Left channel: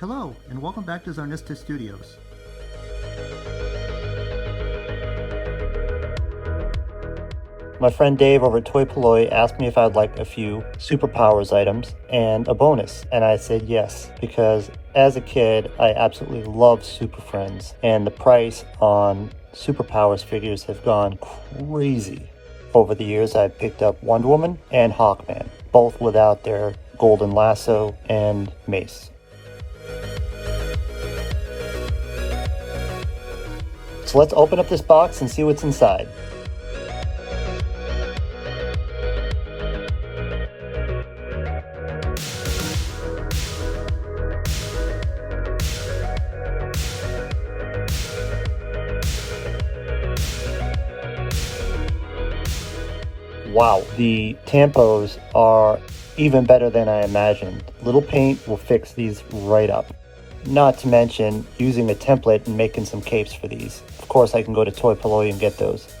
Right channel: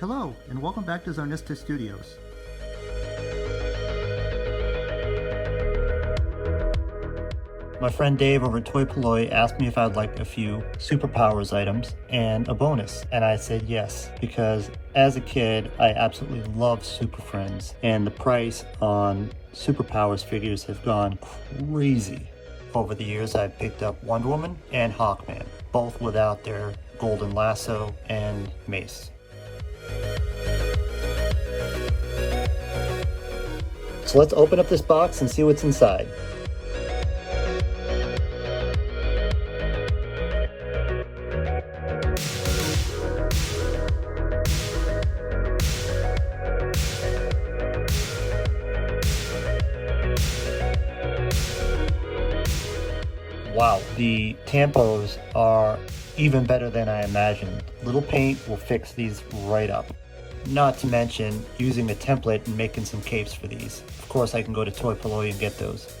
Hello, and welcome back to Zarnista Studios. My friend Dave over at Toy-Polloi asked me if I'd like a few superpowers items and a bonus, and I said yes, because as a kid I absolutely loved Super Friends, and the price on superpowers figures have gone crazy. Over the years I've picked up Wonder Woman and Hawkman, both without their golden lasso and mace. So let's open up this box and see what's inside. Wow, the tampos are even better than I imagined. Little paint will fix these right up. Not to mention using a template and making some capes for these. Of course, I can go to Toy-Polloi and get those.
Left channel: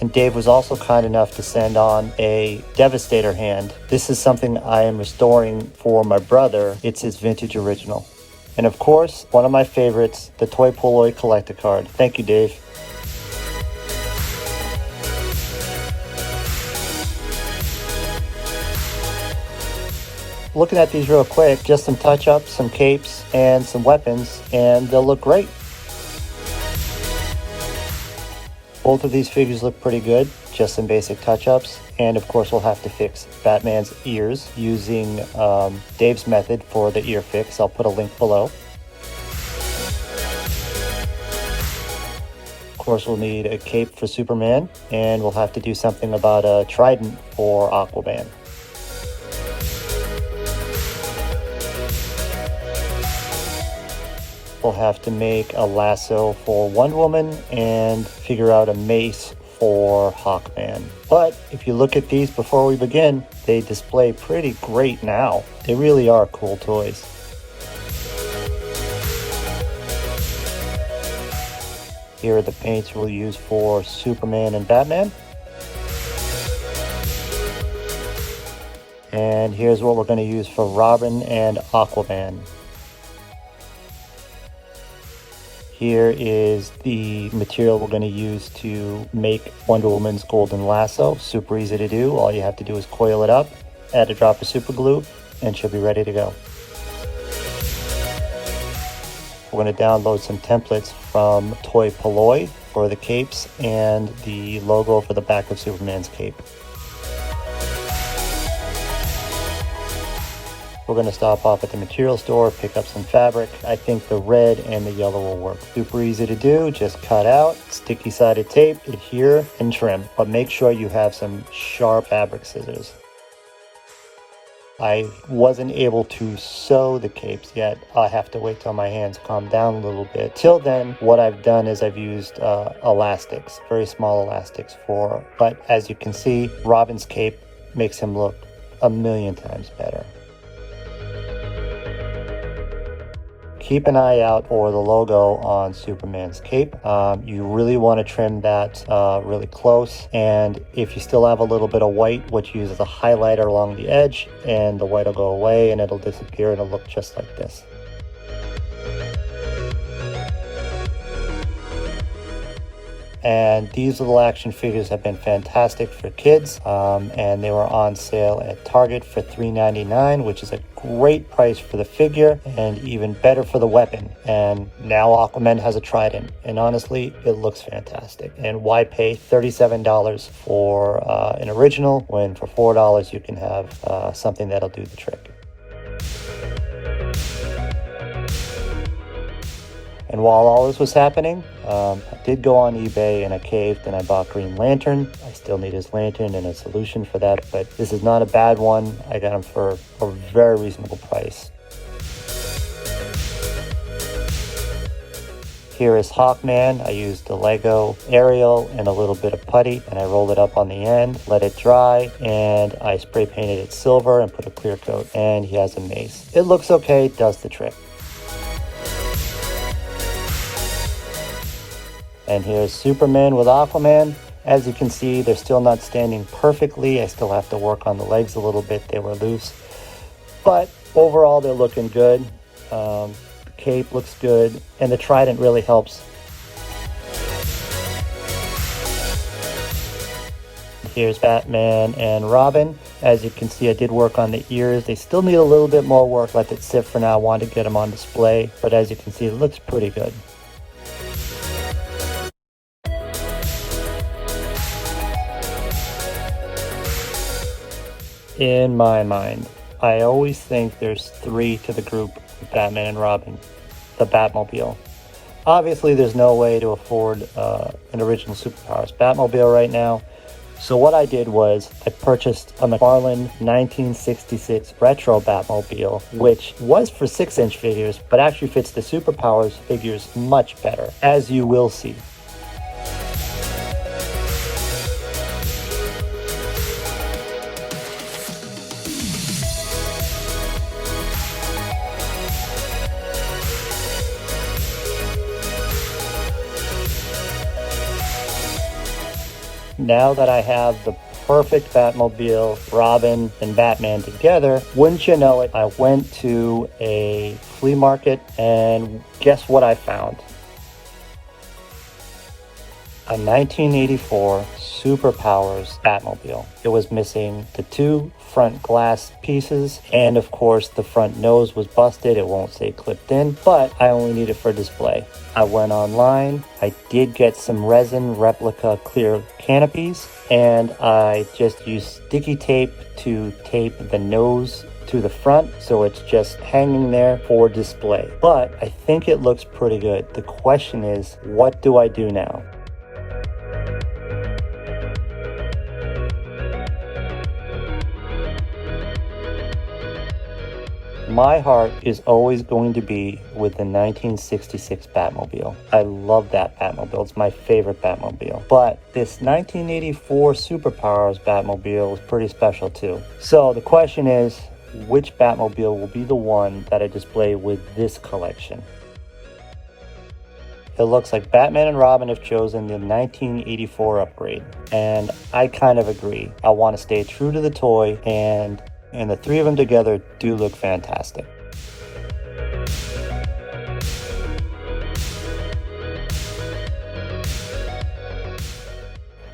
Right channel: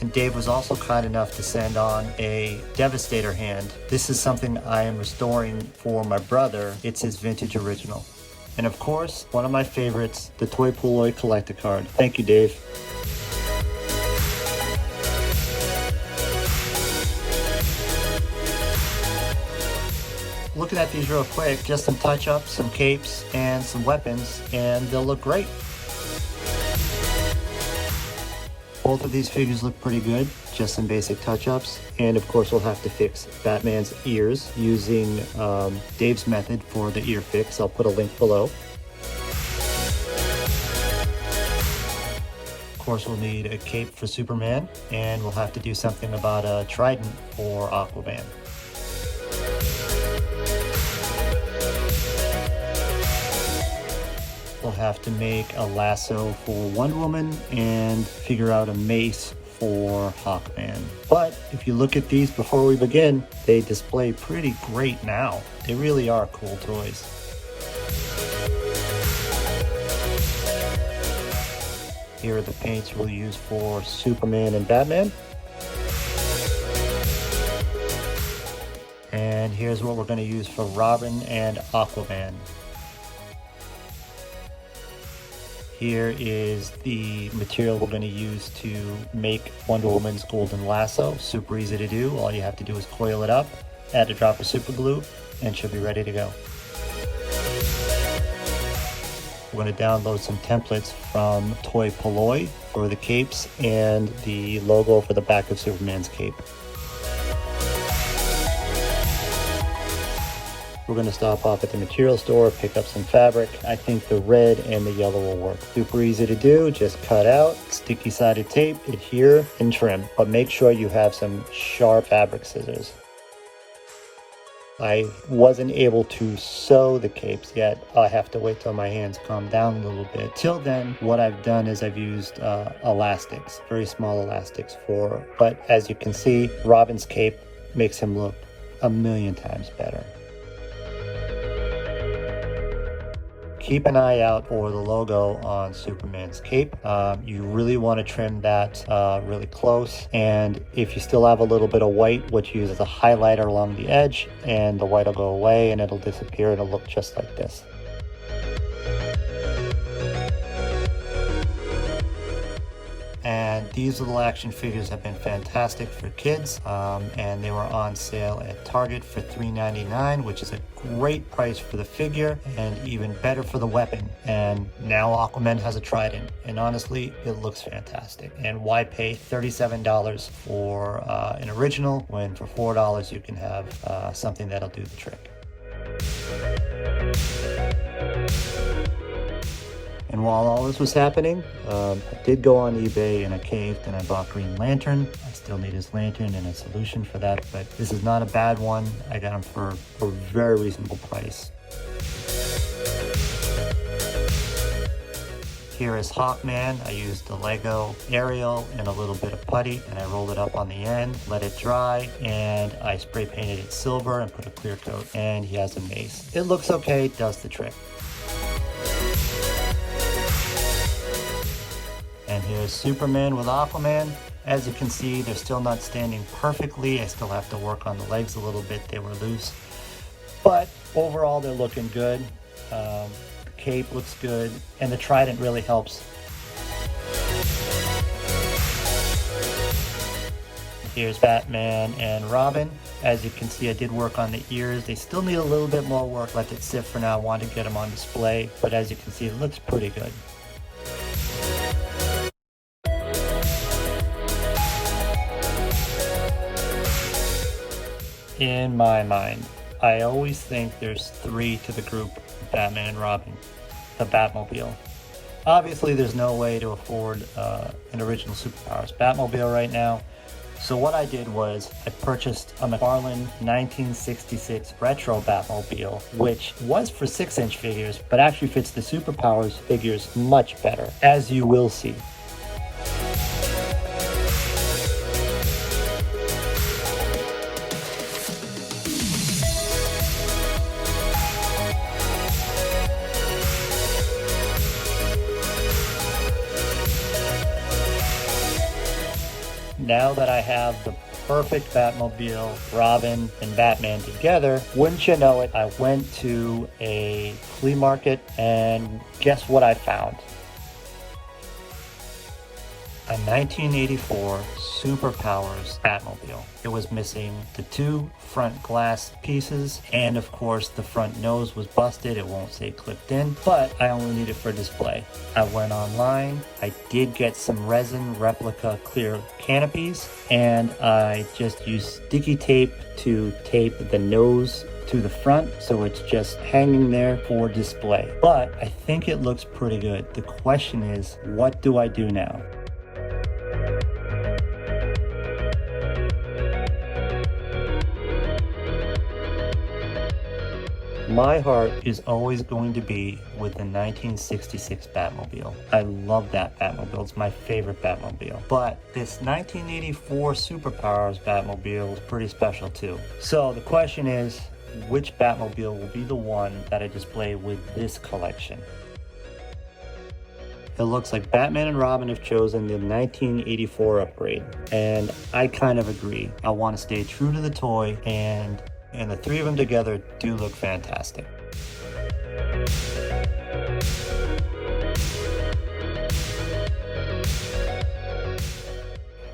And Dave was also kind enough to send on a Devastator hand. This is something I am restoring for my brother. It's his vintage original. And of course, one of my favorites, the Toy-Polloi collector card. Thank you, Dave. Looking at these real quick, just some touch-ups, some capes, and some weapons, and they'll look great. Both of these figures look pretty good, just some basic touch-ups. And of course we'll have to fix Batman's ears using Dave's method for the ear fix. I'll put a link below. Of course we'll need a cape for Superman, and we'll have to do something about a trident for Aquaman. We'll have to make a lasso for Wonder Woman and figure out a mace for Hawkman. But if you look at these before we begin, they display pretty great now. They really are cool toys. Here are the paints we'll use for Superman and Batman. And here's what we're going to use for Robin and Aquaman. Here is the material we're going to use to make Wonder Woman's golden lasso. Super easy to do. All you have to do is coil it up, add a drop of super glue, and she'll be ready to go. We're going to download some templates from Toy-Polloi for the capes and the logo for the back of Superman's cape. We're going to stop off at the material store, pick up some fabric. I think the red and the yellow will work. Super easy to do. Just cut out, sticky sided tape, adhere, and trim. But make sure you have some sharp fabric scissors. I wasn't able to sew the capes yet. I have to wait till my hands calm down a little bit. Till then, what I've done is I've used elastics, very small elastics but as you can see, Robin's cape makes him look a million times better. Keep an eye out for the logo on Superman's cape. You really want to trim that really close. And if you still have a little bit of white, what you use as a highlighter along the edge, and the white will go away and it'll disappear and it'll look just like this. And these little action figures have been fantastic for kids, and they were on sale at Target for $3.99, which is a great price for the figure and even better for the weapon. And now Aquaman has a trident, and honestly, it looks fantastic. And why pay $37 for an original when for $4 you can have something that'll do the trick? And while all this was happening, I did go on eBay and I caved and I bought Green Lantern. I still need his lantern and a solution for that, but this is not a bad one. I got him for a very reasonable price. Here is Hawkman. I used a Lego aerial and a little bit of putty, and I rolled it up on the end, let it dry, and I spray painted it silver and put a clear coat, and he has a mace. It looks okay, does the trick. And here's Superman with Aquaman, As you can see, they're still not standing perfectly. I still have to work on the legs a little bit. They were loose. But overall, they're looking good. The cape looks good, and the trident really helps. Here's Batman and Robin. As you can see, I did work on the ears. They still need a little bit more work. Let it sit for now. I wanted to get them on display, but as you can see, it looks pretty good. In my mind, I always think there's three to the group with Batman and Robin, the Batmobile. Obviously, there's no way to afford an original Superpowers Batmobile right now. So what I did was I purchased a McFarlane 1966 retro Batmobile, which was for 6-inch figures, but actually fits the Superpowers figures much better, as you will see. Now that I have the perfect Batmobile, Robin, and Batman together, wouldn't you know it, I went to a flea market and guess what I found? A 1984 Superpowers Batmobile. It was missing the two front glass pieces, and of course the front nose was busted. It won't say clipped in, but I only need it for display. I went online. I did get some resin replica clear canopies, and I just used sticky tape to tape the nose to the front, so it's just hanging there for display. But I think it looks pretty good. The question is, what do I do now? My heart is always going to be with the 1966 Batmobile. I love that Batmobile. It's my favorite Batmobile. But this 1984 Superpowers Batmobile is pretty special too. So the question is, which Batmobile will be the one that I display with this collection? It looks like Batman and Robin have chosen the 1984 upgrade, and I kind of agree. I want to stay true to the toy, and the three of them together do look fantastic.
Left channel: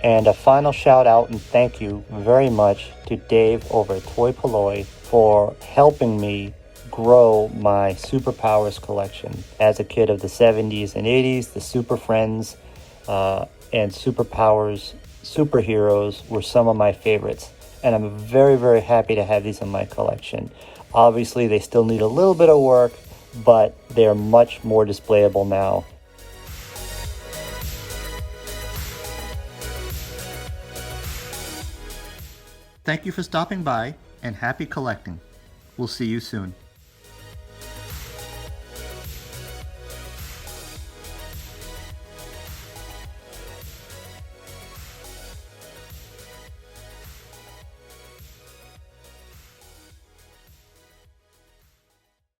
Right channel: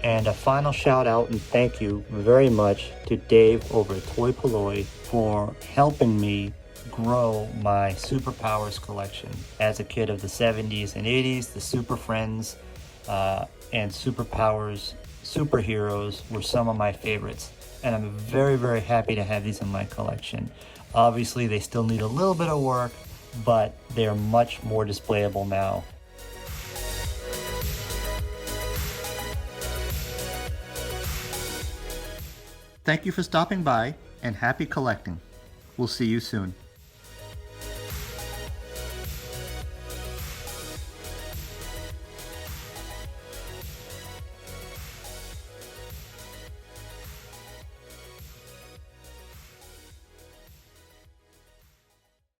And a final shout out and thank you very much to Dave over at Toy-Polloi for helping me grow my Superpowers collection. As a kid of the 70s and 80s, the Super Friends and Superpowers superheroes were some of my favorites. And I'm very, very happy to have these in my collection. Obviously, they still need a little bit of work, but they're much more displayable now. Thank you for stopping by, and happy collecting. We'll see you soon.